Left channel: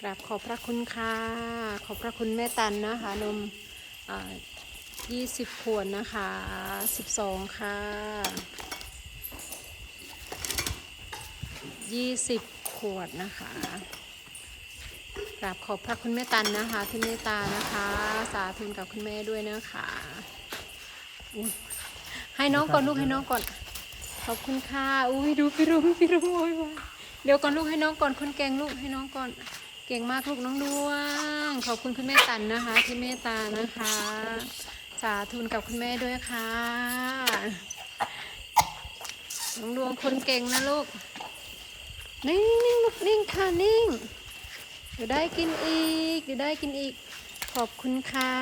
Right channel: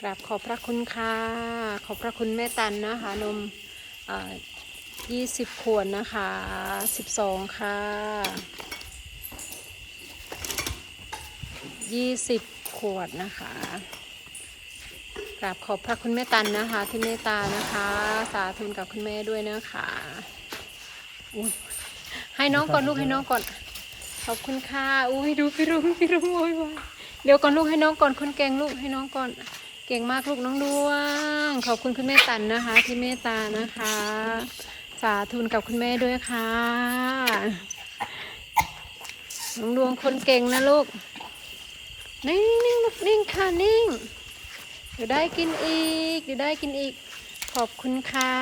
กราบขอบพระคุณค่ะ ขอบพระคุณแม่ตันนะคะ นมยี่สิบขวดนะคะสิบสองค่ะยี่สิบขวดนะคะกราบขอบพระคุณแม่ตันนะคะ ที่เมตตานะคะ สาธุกับคุณแม่ด้วยนะคะให้น้องก่อนลูกให้น้องก่อน ขอบคุณค่ะอุ้ยดูพี่รุ้งพี่รุ้งโวยวายเดี๋ยวก่อนลูกให้น้องก่อนคนเก่งลูกให้น้องก่อน เก่งมากลูกน้องดวง ขอบคุณคุณแม่ตันนะคะ ที่เมตตานะคะ สาธุนกับคุณแม่ด้วยค่ะ น้องดวงคนเก่งนะลูก นิ่งนิ่งลูกนิ่งค่ะนิ่งเดี๋ยวได้กินอีกเดี๋ยวได้กินอีก ขอบคุณค่ะ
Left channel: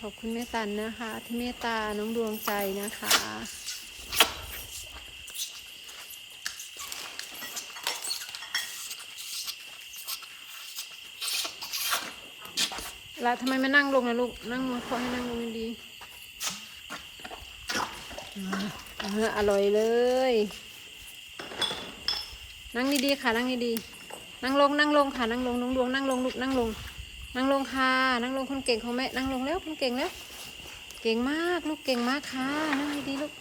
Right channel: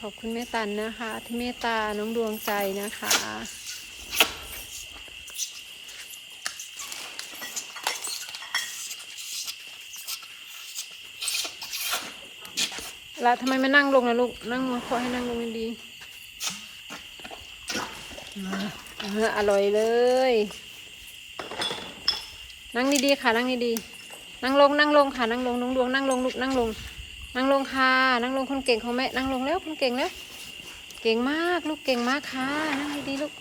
ขอบคุณแม่ตันนะคะ ที่เมตตาน้องดวงใจนะคะ ล้วทำไมไม่นั่งลงนะลูก นั่งมาขอให้นั่งลงดีๆอ่าอ่าอร่อยเลย นั่งดีๆค่ะ นั่งดีๆนั่งลงนั่งลงค่ะ นั่งลงน้องดวงนั่งลงลูกนั่งลง นั่งลงค่ะ นั่งลงคนเก่งของแม่ นั่งลงแล้วคนเก่งแล้ว เก่งมากลูกเก่งมากค่ะ นั่งดีๆลูก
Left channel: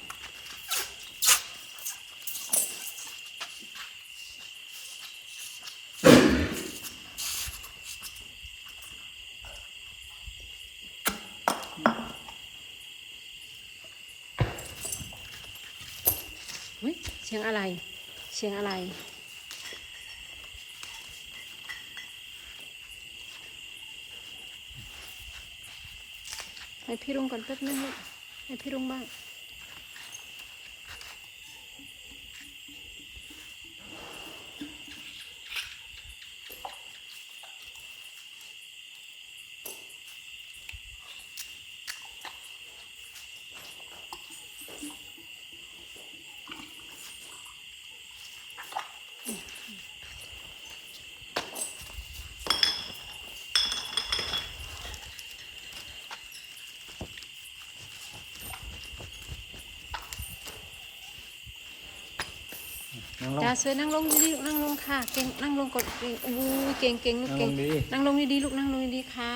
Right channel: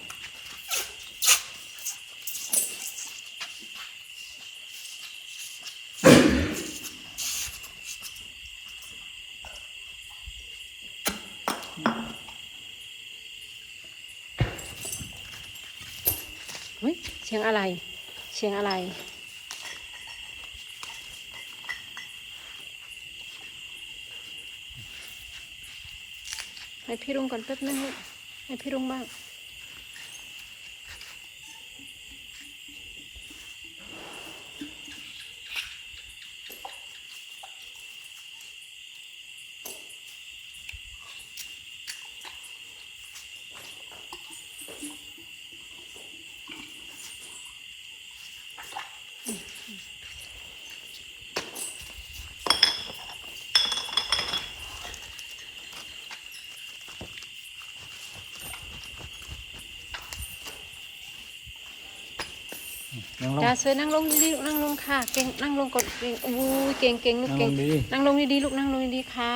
เสียงอะไร เสียงอะไร ให้พี่รุ่งก่อนแป๊บนึงให้พี่รุ่งบ้าง ลงจ้าเสือนั่งลงดีๆนั่งลงค่ะ เก่งนั่งลงก่อนเก่งอู้ยเก่งเก่งลูกนั่งเก่ลงงดีนั่งลงดีๆลูกนั่งลงดีๆค่ะ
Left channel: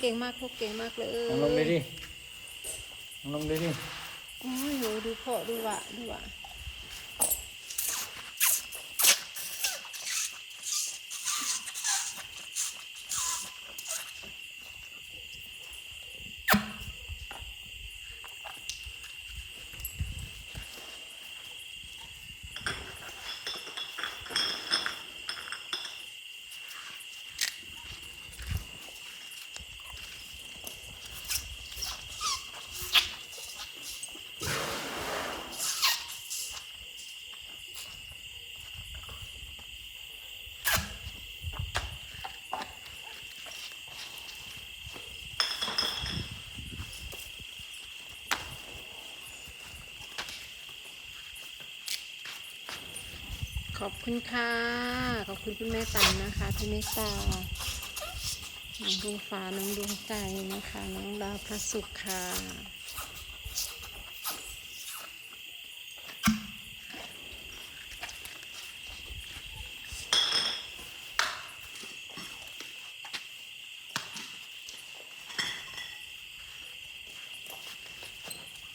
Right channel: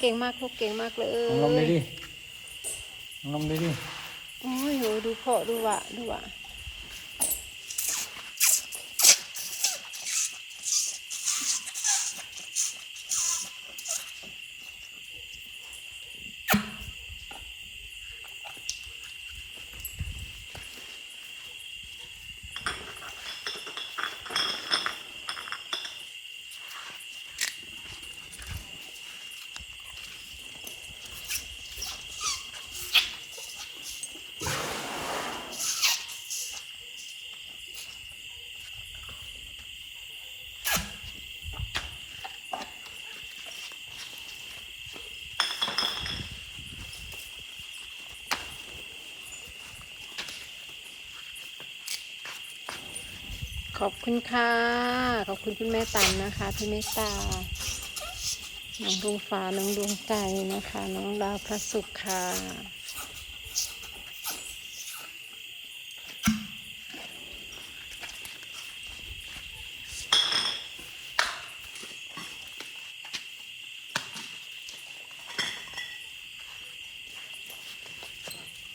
เก่งมากลูกเก่งมากเลนั่งลงยดีนั่งลงดีโอ้ยโหดูเพาะดูวะดูวะ ขอบคุณค่ะ ขอบคุณคุณแม่ตันนะคะที่เมตตา น้องดวงฟ้า น้องดวงใจนะคะ น้องดาวพระศุกร์ค่ะ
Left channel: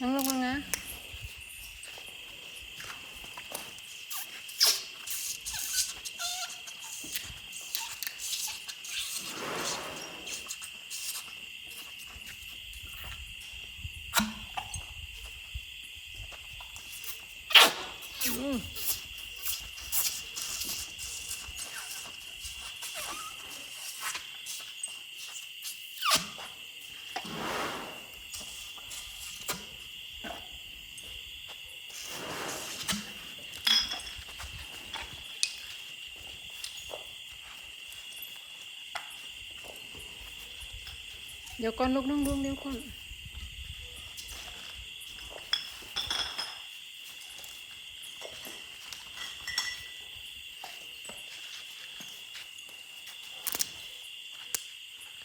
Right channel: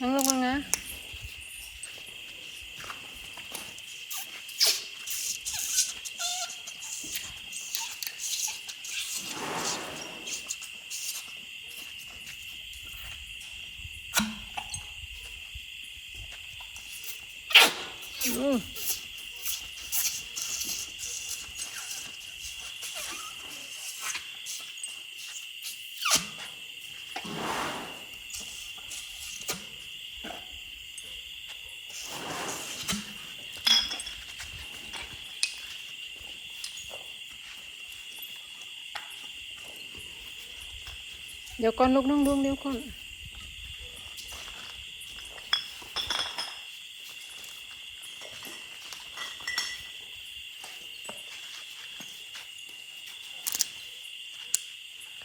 นั่งลงก่อนะ เดี๋ยวก่อนลูกน้องดวงเดี๋ยวก่อน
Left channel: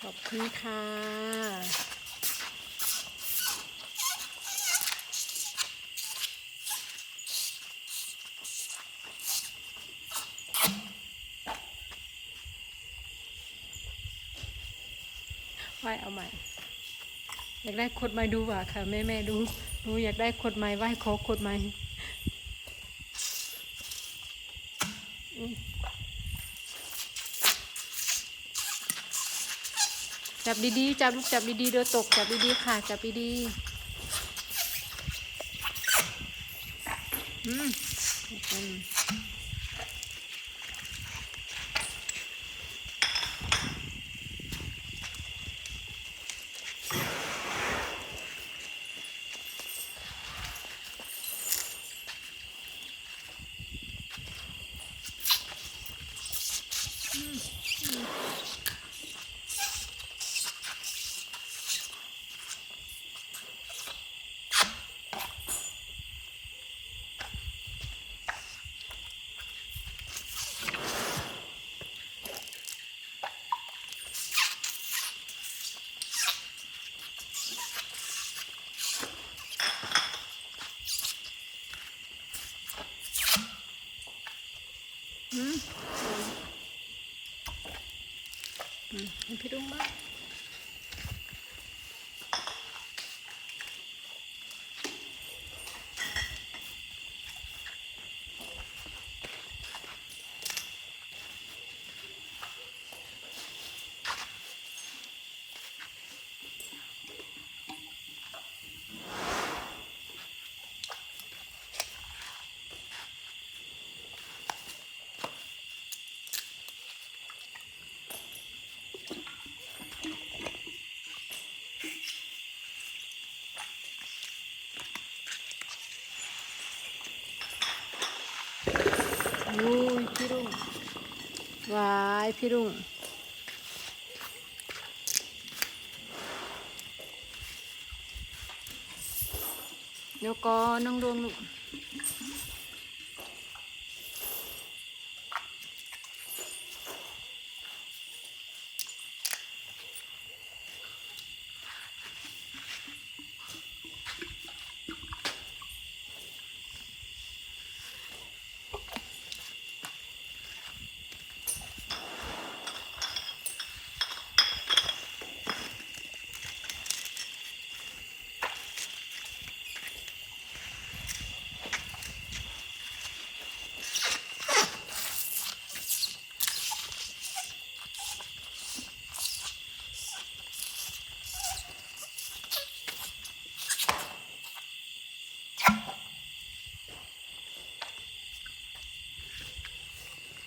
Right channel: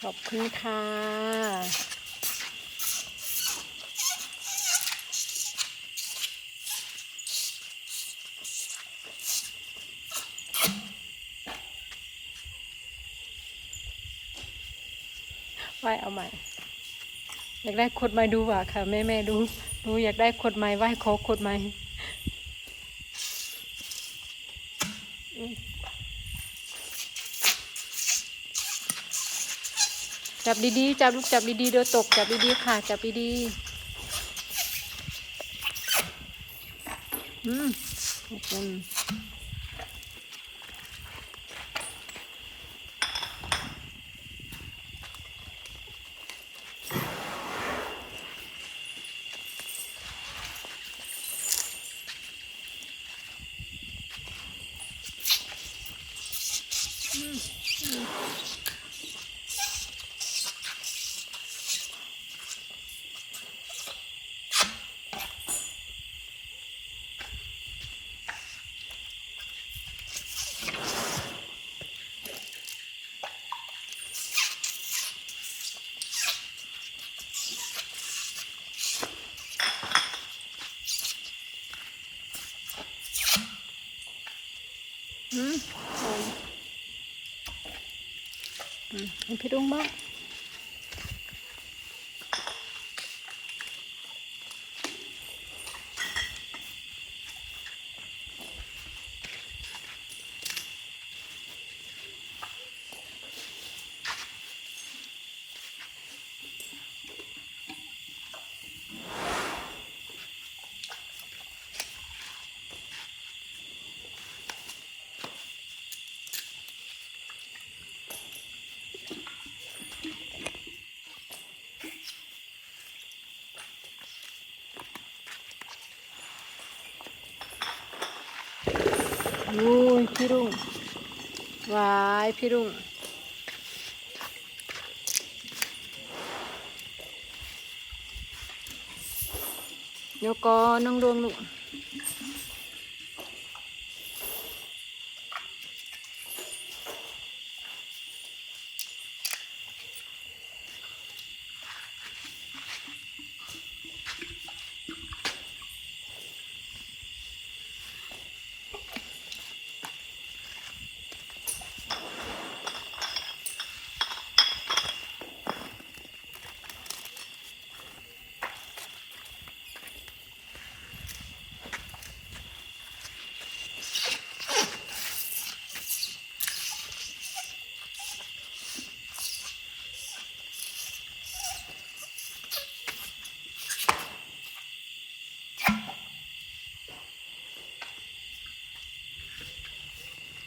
ขอบคุณค่ะ ไหวเอาใหม่ อยากได้ขดไม้ดูว่ะค่ะ แม่แม่ดูหนูอยากได้ขดไม้ไหวขอขดไม้อืม จับดีๆ จับลูกจับดีๆเดี๋ยวตกจับดีๆค่ะ จับดีๆอืมขอบคุณอืม อืมอืมพี่ดุ้งบ้าง นู่นพี่รุ่งวายพี่รุ่ง เดี๋ยวก่อนน้องดวงลูก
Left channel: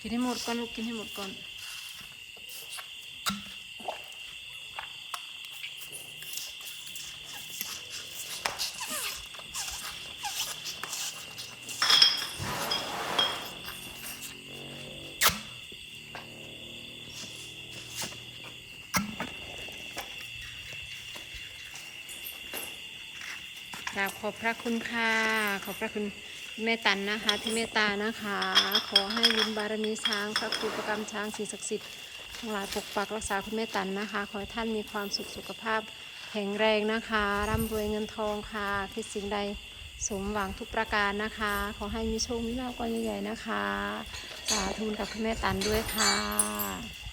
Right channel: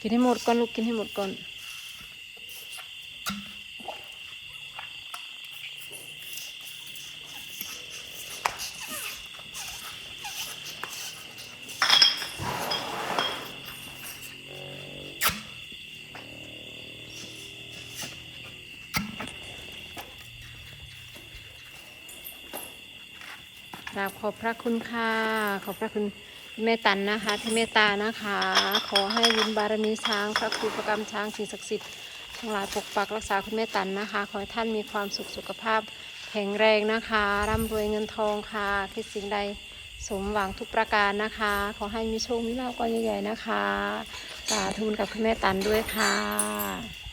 กินให้หมดก่อนลูกกินให้หมดก่อนกราบขอบพระคุณค่ะ ขอบพระคุณ แม่ตันนะคะที่เมตตานะคะ ขอให้บุญบารมีช้างพระครูประกรรมช้างสิ่งศักดิ์สิทธิ์ทั้งหลายปกปักรักษาคุณแม่ตันนะคะ ขอให้ท่านมีความสุขสุขภาพแข็งแรงนะคะ ร่ำรวยเงินทองค่ะคิดสิ่งใดสมหวังทุกประการนะคะ ขอให้มีโชคมีลาภก้อนใหญ่ๆนะคะสาธุกับคุณแม่ตันด้วยค่ะ